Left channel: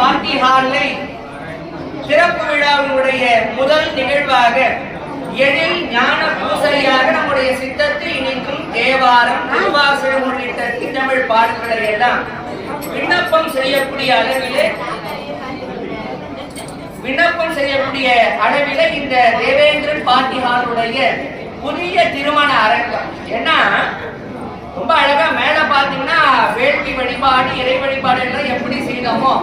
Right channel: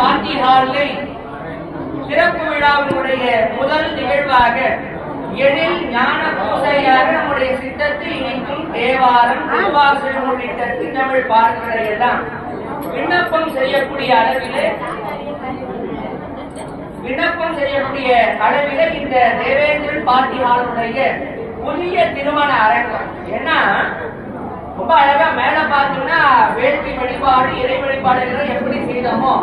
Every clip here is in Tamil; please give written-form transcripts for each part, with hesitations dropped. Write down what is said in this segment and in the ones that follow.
பார்ட்டி ஹாலை சிறப்பு விழாவினுடைய முதல் நிகழ்வாக எழில் ஞான பூசையாக நம்முடைய சித்தத்தை இணைக்கும் தேவாரம் திருவாசகம் உள்ளிட்ட தமிழ் பாடல்களை எல்லாம் விண்ணப்பம் செய்யக்கூடிய அளவிலே இந்த தேவேந்திரன் பார்ட்டி ஹாலுடைய புதிய திருமண அரங்கம். ஏன்னா ரொம்ப அழகா மேல பாத்தீங்கன்னா வேள்வி வழிபாடு இறை வழிபாடு எல்லாம் எப்படி செய்தோமோ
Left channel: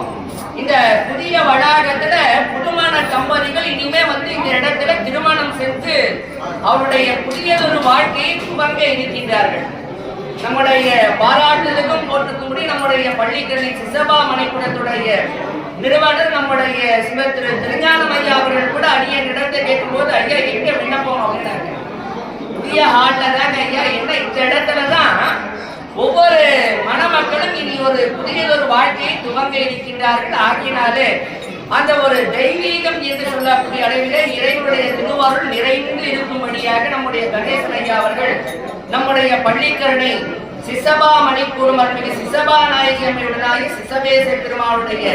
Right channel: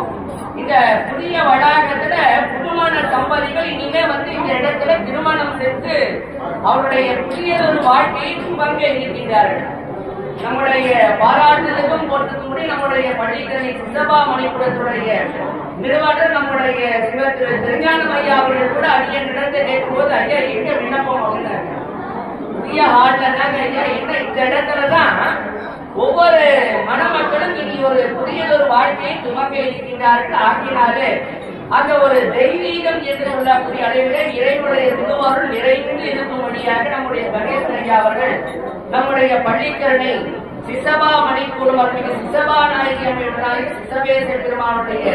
இந்த புதிய வளாகத்துல புதுமண தம்பதிகள் இனிமே இந்த இடத்துல திருமணம் செஞ்சு அவருடைய புதியதொரு வாழ்க்கையை துவங்க இருக்கின்றார்கள். நம்முடைய பாராட்டுதலுக்கும் போட்டுக்கூடி நம்முடைய பள்ளிக்கரணை சிசபா மணிப்புரத்துடைய நிறுவனர் நம்முடைய திரு திருஞானம் ஐயா அவர்கள் கூட ஐயா இடத்தை கேட்கும்போது ஐயா எங்க விண்ணப்பம் அப்படின்னாங்க. புதிய ஹால்ல தாங்க ஐயா என்ன இந்த இடத்துலதான் ஒவ்வொரு மணமக்களும் இனி ஒரு புதியதொரு வாழ்க்கையை துவங்க இருக்கின்றார்கள். ஆகினாலே அந்த ஒரு தெய்வீகம் என்று சொல்லக்கூடிய அளவிலே இறைவனுடைய திருவாரூர் நிறைந்து இருக்கும்படியாக நம்முடைய கணேசன் ஐயா அவர்கள் நம்முடைய பள்ளிக்கரணை சிசபா மணிக்கூறும் அருள்மிகு சிசபா நாயகி சிசவேச பெருமானுடைய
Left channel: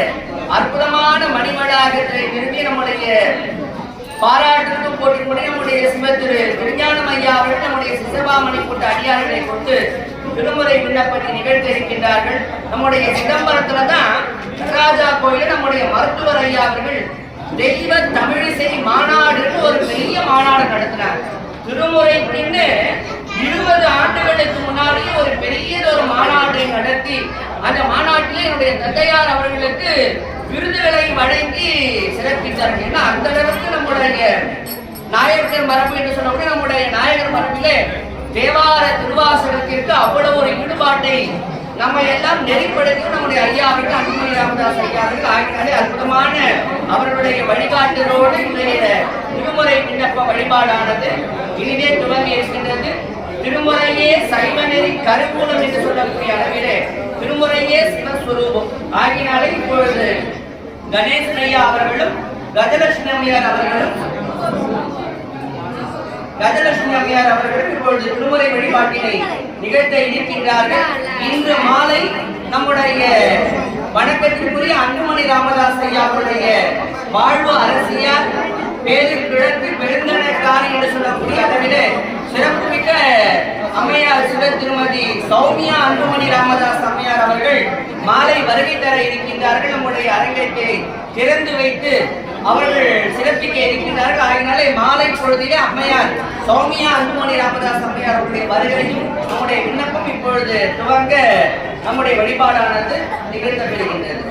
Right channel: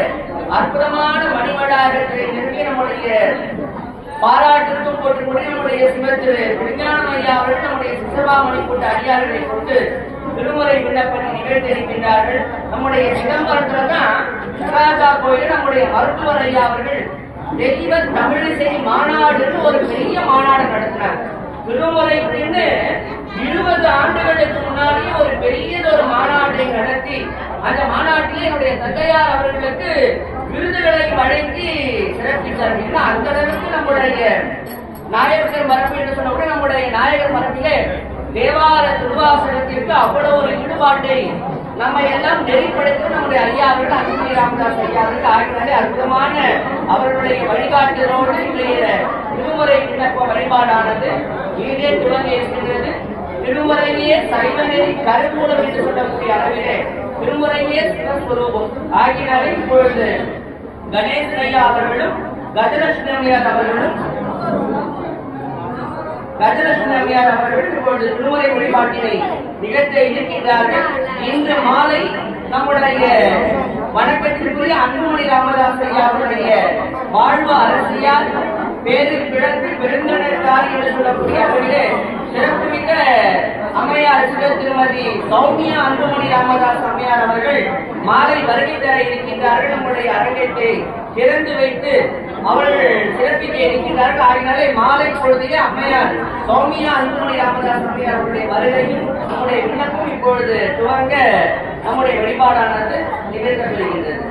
அற்புதமான மணிமடாகத்தை நிறுவி நம்முடைய பாராட்டுக்கும் போட்டுக்கொண்டு நம்முடைய திரு திருஞானம் ஐயா அவர்கள் நம்முடைய சிசபா மணிக்கூட்ட அடியார்களை கொண்டு விடுமுறை விண்ணப்பத்தை நிகழ்த்தியிருக்கின்றார்கள். நம்முடைய சிதம்பரத்துல தான் நடராஜா கோயில நம்முடைய மருத்துவர் ஐயா அவர்கள் தெய்வ தமிழிசை மாநாடு ஒரு பெரிய மாநாடு நடத்தினார். விடுமுறை பின்னு 20 ஆண்டுகளுக்கு முன்னாடியே ஒரு பெரியதொரு மாநாட்டை நடத்தி அந்த மாநாட்டிலே என்னுடைய தந்தையார் அவர்களுக்கு விருதுகளை வழங்கி சிறப்பித்தார்கள். அந்த அளவுக்கு நம்முடைய நாயகர் மரபு என்று சொன்ன நம்முடைய நாயகர் மரபிலே தேவார திருவாசகத்திற்கு அவ்வளவு ஒரு ஈடுபாட்டை நம்ம எல்லாம் நெறிப்படுத்தி நம்முடைய ஐயா அவர்கள் அன்புமணி ராமதாஸ் ஐயா அவர்கள் ஆகினாலே அற்புதமான அவர்களுடைய வழிகாட்டலோடு இன்றைய திருமுறை விண்ணப்ப வழிபாடானது இனிதே துவங்கி இருக்கின்றது. திருமுறையே சைவ நெறி கருவூலம் என்று சொல்லக்கூடிய அளவிலே திருமுறையே சிவஸ்வரூபம் ஆகினாலே இப்பொழுது கணேசன் ஐயா அவர்களும் கஜலட்சுமி அம்மையார் அவர்கள் இப்பொழுது திருமுறை வழிபாட்டினை நிகழ்த்த இருக்கின்றார்கள். இன்று மாலை நம்முடைய வணக்கத்திற்குரிய அன்புமணி ராமதாஸ் ஐயா அவருடைய வாழ்வு அரசியார் பேரு கிழக்கு பெருந்தனக்காரி என்று சொல்லக்கூடிய அளவிலே சிறப்புமிக்க அம்மையார் சுடர் திருமதி சௌமியா அன்புமணி ராமதாஸ் அம்மையார் அவர்கள் மாலை வருகை தர இருக்கின்றார்கள். நம்முடைய அரங்கத்தை திறந்து வைத்து அவர்கள் சிறப்பிக்க இருக்கின்றார்கள். ஆகினாலே மாலை பொழுதிலே அம்மையார் சௌமியா அன்புமணி ராமதாஸ் அம்மையார் அவருடைய வருகையும் நம்முடைய விண்ணப்பம் இப்பொழுது துவங்க நம்முடைய வழிபாடானது நிகழ்த்தப்படுகின்றது.